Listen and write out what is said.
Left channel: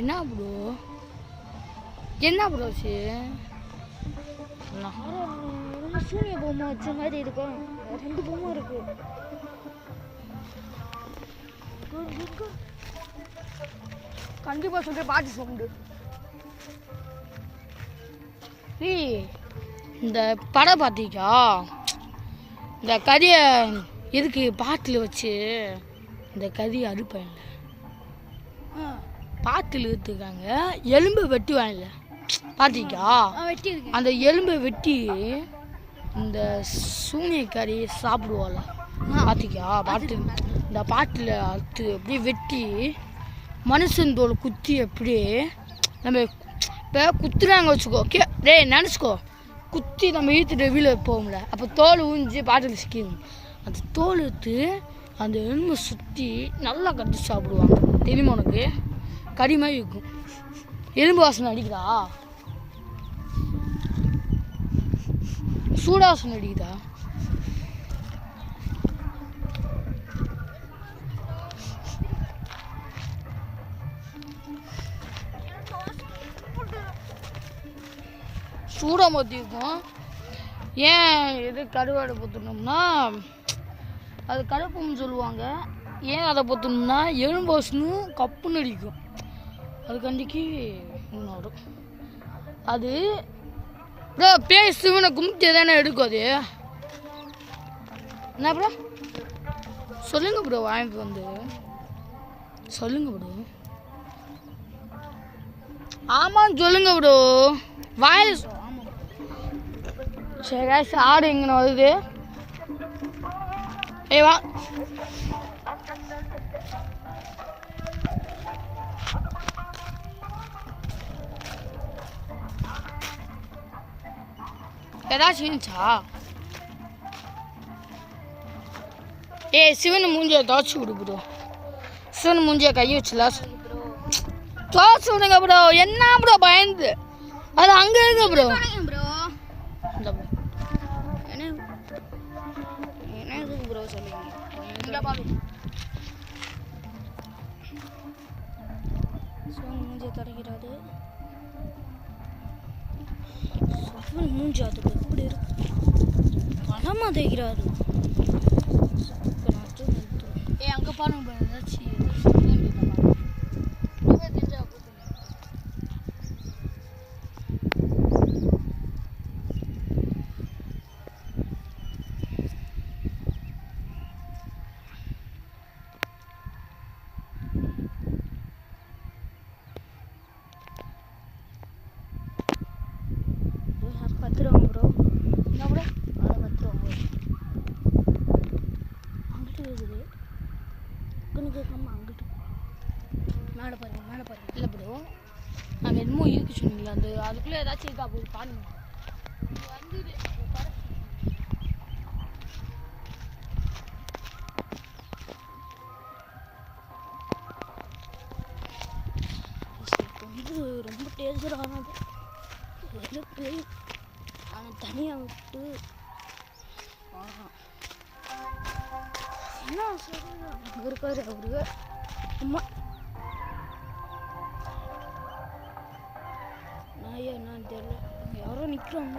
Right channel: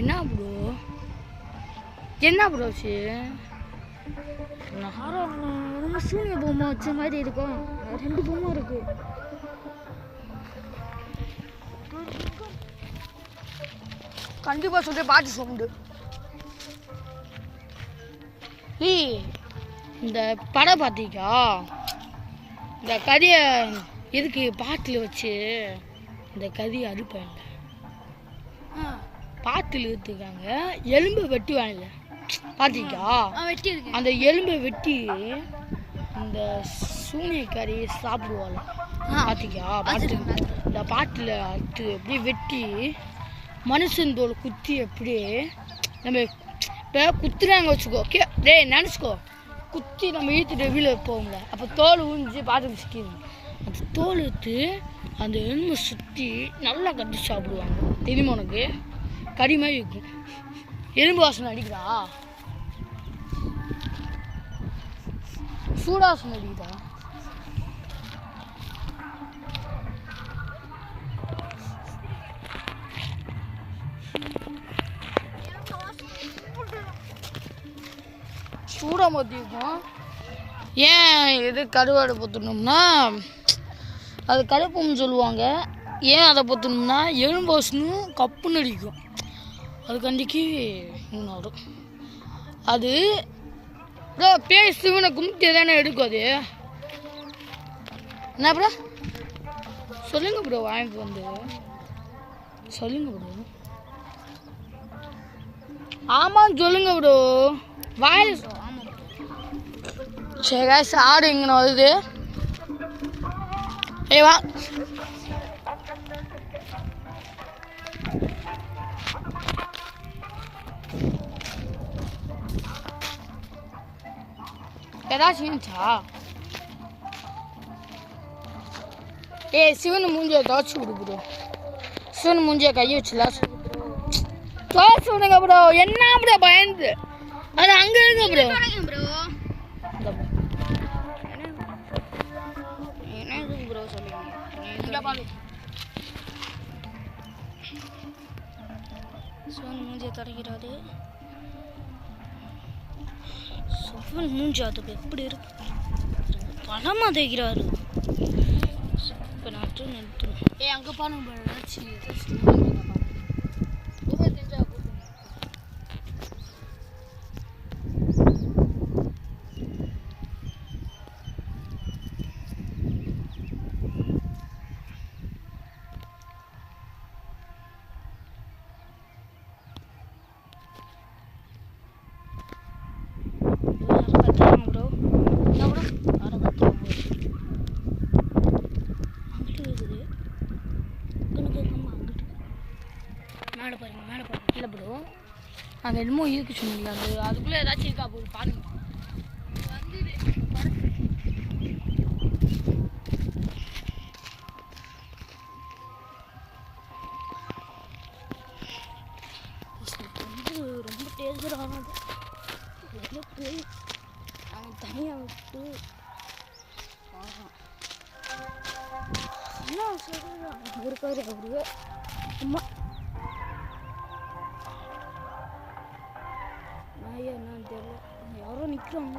என்ன ப்ரோ என்ன ப்ரோ சூரிய பொம்மை வச்ச மாதிரி இருக்கும். 2 பொம்மை இருக்கு. கண்டிப்பாக சொல்லிட்டு பாட்டு சவுண்டு. இந்த படம் பார்த்தீங்களா? இந்த கறியை எதுக்கு பாட்டில் வச்சு இந்த கறியை அடுப்பாங்க, பாட்டில் எடுத்துக்காங்க. எலும்பு வெட்டி வாங்கல பார்த்தீங்களா? அந்த எலும்பை வெட்டி இந்த சூனியக்காரி சாப்பிடுவாங்க பார்த்தீங்களா? பாட்டில் இந்த பாட்டில் அறுத்து அப்படியே வெட்டி மனுஷன் தோல் குத்தி எப்படி நம்ம இப்போ குத்துறாங்க வச்சுக்கோ. டேய் நினச்சிக்கோ, குத்தி நம்ம இழுத்துட்டு வீட்டில் போகல, அப்போ தோல் ஊஞ்சி பாட்டில் சிக்கிடும். அந்த தோல் எடுத்து அந்த எலும்பை சுற்றி நல்லா கட்டி சாப்பிடுவாங்க. தெரியுமா உனக்கு? கறி மாதிரி இருக்கும். எலும்பு வாசனை அடிக்குதா? சூடாசனை அடிக்குதா? சூடாக மாற்றி இருக்கும். ஏன் இது கருவாடை பொற்றணும்னா அது கருப்புன்னு சொல்லுவாங்க. ஏன் அதை பொற்றணும்னா எலும்பு வாசனை கப்புன்னு அடிக்கும். அதுக்காண்டிக்கு வரும். அது பேய் சிவனை கும்பிட்டு தானே எடுக்கும். அது என்ன ப்ரோ சொல்லுங்க ப்ரோ, வாங்கிட்டு வந்து சொல்லுங்க ப்ரோ. ஆமாம் சொல்லுங்க ப்ரோ, வாயில். சரி காய்ஸ், ஆடு இங்கே வருது. ஏய் வா, ஏதாச்சும் இருந்துச்சா? ஏய் சிவன் மூஞ்சியை துவச்சி விடு ப்ரோ. சிவன் மூஞ்சியை கையை வச்சுலாம் துவச்சி விடுங்க ப்ரோ. என்ன ப்ரோ பயந்து? அது அங்கே இருக்கு ப்ரோ. என்ன ப்ரோ சொல்லுங்க. சிவன் மூஞ்சியை தொடக்கிறாரு. சிவன் மூஞ்சி அதுக்கு எப்படி இருக்கு? பலமாக தேய்க்கிறாரு. இப்போ நட்டு நிறுத்துறோம். அங்கே பாருங்க மேலே பாருங்க, மேலே பாருங்க. இல்லை ப்ரோ, அந்த என்னமோ இருக்கு சொன்னீங்களா, அந்த அதுக்குள்ளே ஏதாச்சும் இருக்கா போய் பாருங்க. வந்து ரொம்ப டேஞ்சரானது. போய் அவனை தனியாக விட்டு என்ன சொல்லுங்க இருக்காரு அவரு. அம்மா நான் என்னன்னு தெரியல, யாரோ நிற்கிறாங்க.